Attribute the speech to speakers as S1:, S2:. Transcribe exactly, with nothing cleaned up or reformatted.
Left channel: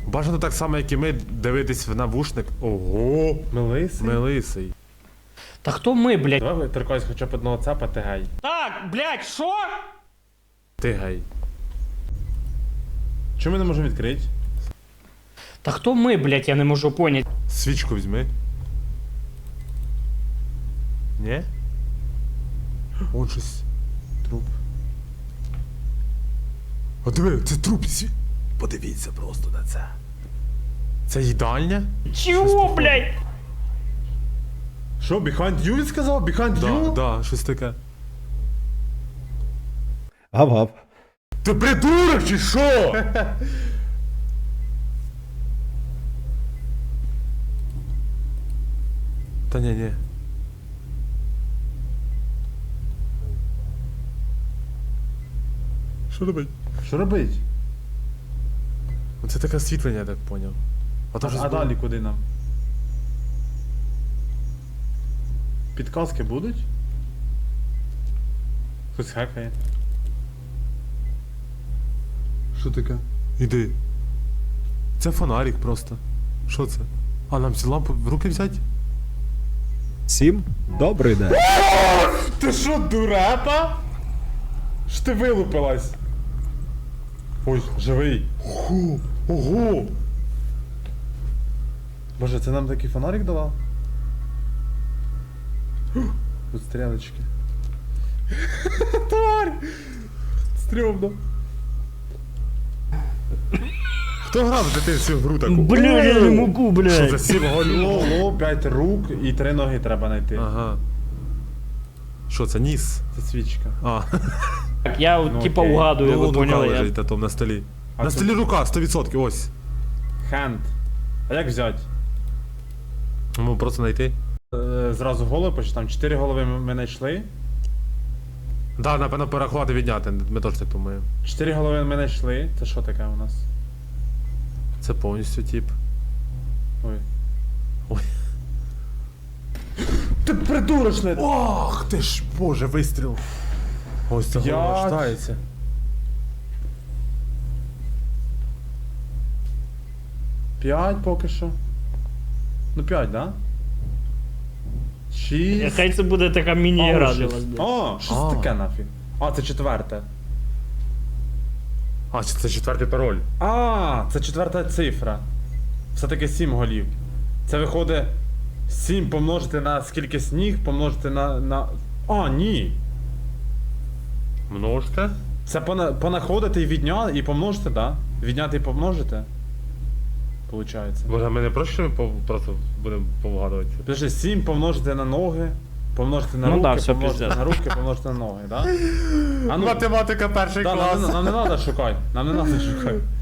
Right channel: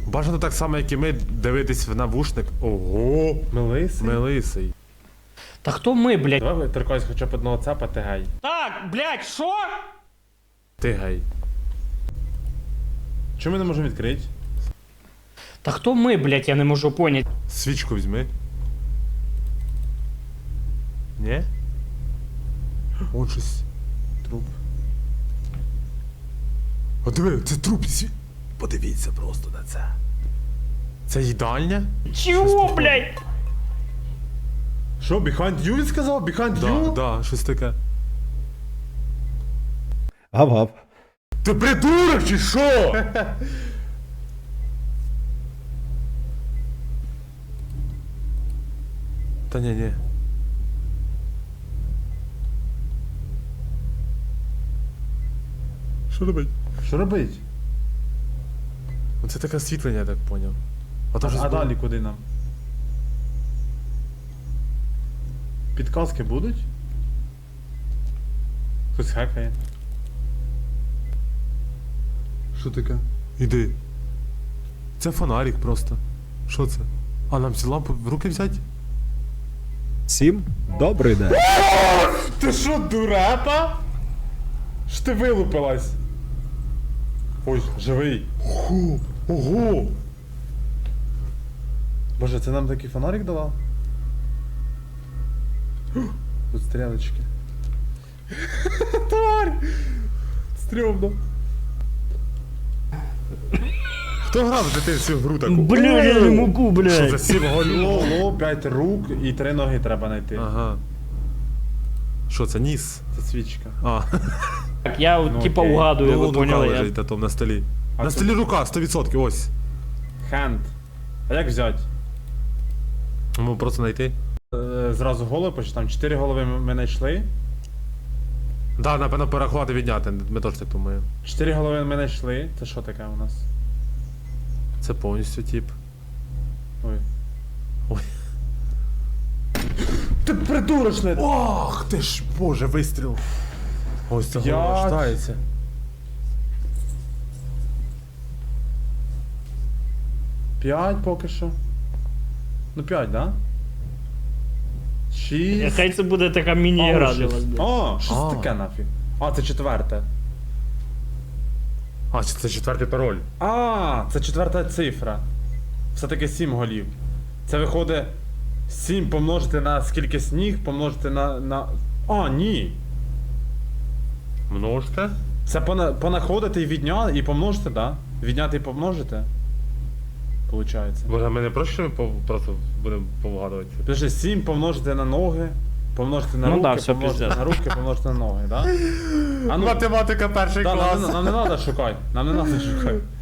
S1: Бажано так само, як і ми, дивитись в навушник. Ого!
S2: Мелисий?
S1: Мелисий.
S3: Та хто ми, блядь?
S2: Давай торкайся хоча б одного цапа, ти гей.
S3: Так, блядь, що?
S1: Ти гей.
S2: Чому ми не можемо відкрити?
S3: Та хто ми, блядь, я не можу поняти.
S1: Свічку візьми. Ні? Он щось.
S2: Труп.
S1: О, диви, це труп. Сві... Подивіться просто на це. Це їдальня?
S3: Чого, блядь?
S2: Що, behind you він сказав? Behind
S1: Да,
S2: you?
S1: да, щось таке.
S4: Гав-гав.
S1: Ти придурок чи що? Та ні, ні. Що робить?
S2: Що робить?
S1: Це таке освітлення, я так поняв. А,
S2: А,
S1: то щось
S2: а
S1: було.
S2: далі куди нам? Підказки будуть? Хтось хекає. Що таке?
S1: Іди. Це фонарик просто. Що це? А нам ці лампи в руки взяти?
S4: Всім добрий день.
S2: Ти що, дурепа? Що ти вилупилась? Ой, живий.
S1: Ху, ого!
S2: Боже, це нам такий фонарик давав? Тут стрілочки. Тварь! Стрьомно.
S1: Хто грав в дитинстві в гру таку?
S3: Бля, я не можу,
S1: Що
S3: блядь.
S1: за сім голів?
S2: Голо, п'ять рук і три ноги треба знайти.
S1: Ага. Що це, ніс?
S2: Це свічка.
S1: А.
S3: Так, я,
S2: Ну,
S3: типа,
S2: окей.
S3: угадую, ви
S1: рука
S3: поняли. Я...
S1: лежить, а там на столі.
S2: А
S1: на
S2: тут-
S1: столі рука, сто відсотків, ось.
S2: Хенд. А як взяти?
S1: Ну, просто знайти.
S2: Е, Зразу голови, почти там чотири голови ми ми знайшли.
S1: Да, напевно, переховати відняти, ми теж так думаємо.
S2: Чотири голови ми знайшли. Це що таке у нас?
S1: Це повністю тип.
S2: Ой.
S1: Ой.
S2: Ти придурочне!
S1: Ох, ти ж, боже, вистріл. Ось це
S2: П'ять.
S1: голова штається.
S2: П'ять поки що. Ну п'ять, да? Шість.
S3: Хай це буде така міні-гра
S2: О,
S3: для вас,
S2: шість.
S3: блядь.
S2: О, що
S1: А.
S2: це таке нафіг? А, це четверте.
S1: А, це четвертий пароль.
S2: А, це четверта цифра. Все-таки сім голів. Це виходить сім помножити на скільки сніг, помножити на. на... А, ні.
S1: Множте?
S2: Це пона... понаходити і відняти і помножити, да? Відняти і помножити. Получається.
S1: Боже, ми не проще ми пов- просто будемо повгадувати.
S2: Подожди, сім помножити на ноги, помножити на
S3: Ну
S2: руки,
S3: да, все
S2: помножити
S3: пиздец.
S2: на руки, помножити на ноги, да? А ну,
S1: Математика перший
S2: да,
S1: клас.
S2: нам, не- нам не треба шукати. Нам не треба шукати.